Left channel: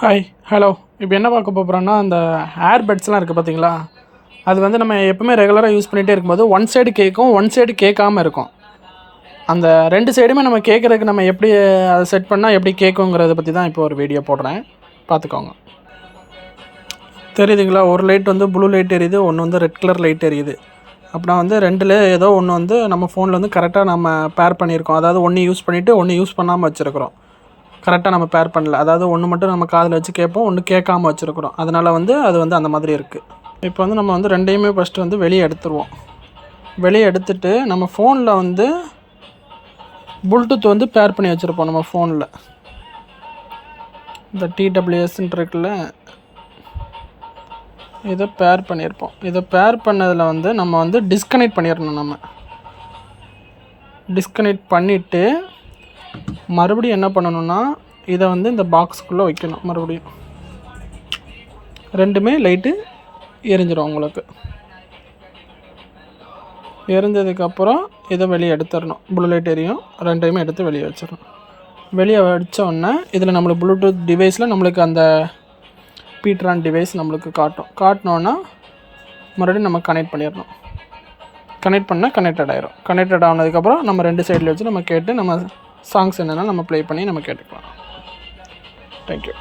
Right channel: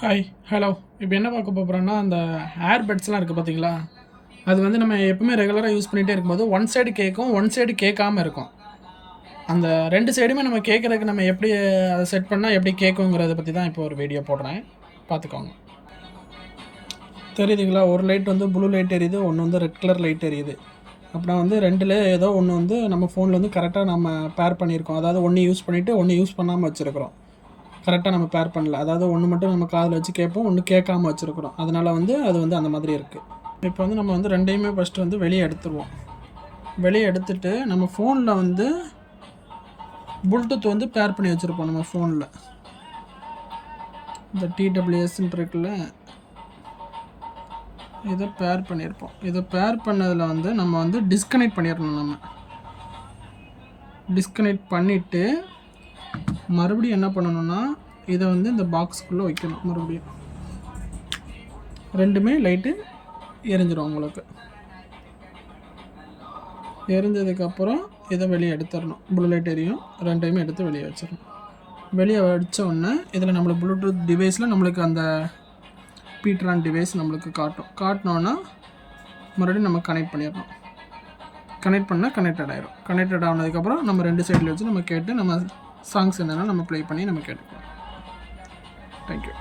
Hi hello இப்போ என்ன பார்க்க போகிறோன்னா அந்த ஏர்பட்ஸ்லாம் இருக்குது பார்த்தீங்களா, அது வந்து நம்ம எப்பவுமே ரெகுலராக யூஸ் பண்ணிகிட்டே இருக்கும்போது ஒன் சைடு கேட்கும், ஒன் சைடு கேட்காம இருக்கும். அந்த ரெண்டு சைடுமே நம்ம கேட்குறதுக்கு நம்ம எப்படி அதை செட் பண்ணால் எப்படி கேட்குங்கிறத பற்றி தான் இப்போ ஒரு வீடியோ போடுறேன், பார்த்துக்கோங்க. தெரியுதுங்களா, ஒரு லைட் வந்து ப்ளூ லைட் எரியுது, ஒன்று வந்து ரெட் கலர் லைட் எரியுது. அப்படின்னா வந்து ரெண்டில் ஏதோ ஒன்று வந்து நம்ம ஃபோனில் வந்து கரெக்டாக நம்ம பேர் பண்ணியிருக்கோம். அதாவது ஒன்று யூஸ் பண்ணிவிட்டு ஒன்று யூஸ் பண்ணாமல் வச்சுருக்கிறோம். கரெக்டாக நம்ம பேர் பண்ணல. அதாவது ஒன்று மட்டும் நம்ம காதில் வச்சு கேட்போம், ஒன்று கேட்காம வச்சுருக்குறோம். அதனால் வந்து அது வந்து அந்த மாதிரி இருக்குது. இப்போ வந்து நம்ம வந்து ரெண்டையுமே ஃபஸ்ட்டு வந்து வெளியே எடுத்துருவோம். வெளியே எடுத்துகிட்டு நம்ம ஃபோனில் வந்து ப்ளூடூத் வந்து பேர் பண்ணி வச்சுருப்போம். நம்ம ஃபோனில் இந்த TWSன்னு இருக்குல்ல, இதை பேர் பண்ணியிருப்போம். இதை பேர் பண்ணதில் வந்து நம்ம வந்து டிஸ்கனெக்ட் பண்ணிடணும். நம்ம டிஸ்கனெக்ட் பண்ணிவிட்டு மறுபடியும் என்ன பண்ணணும்னா, இதை வந்து இந்த பாக்ஸுக்குள்ளே வைக்கணும். மறுபடியும் ரெண்டுமே லைட்டு எரிஞ்சிடும். உங்களுக்கு எரிஞ்சதுக்கப்புறம் இதை வெளியே எடுத்துடணும். ப்ளூ லைட் எரியும், ரெண்டையுமே எடுத்து வெளியே வச்சிடணும். வெளியே வச்சோடனே இதில் நம்மளுக்கு ப்ளூடூத் டிவைஸில் நம்மளுக்கு அந்த பீட்ரான் டிவைஸ் நம்மளுக்கு காட்டினோன்னா மறுபடியும் நம்ம கனெக்ட் பண்ணிடணும். கனெக்ட் பண்ணால் கனெக்டட் ஆகிரும். கனெக்டட் ஆனதுக்கப்புறம் நம்ம ரெண்டு சைடில் வச்சு நம்ம கேட்டு நம்ம சாங்ஸ் என்னென்னா நம்ம ப்ளே பண்ணி நம்ம கேட்டுக்கலாம். தேங்க்யூ.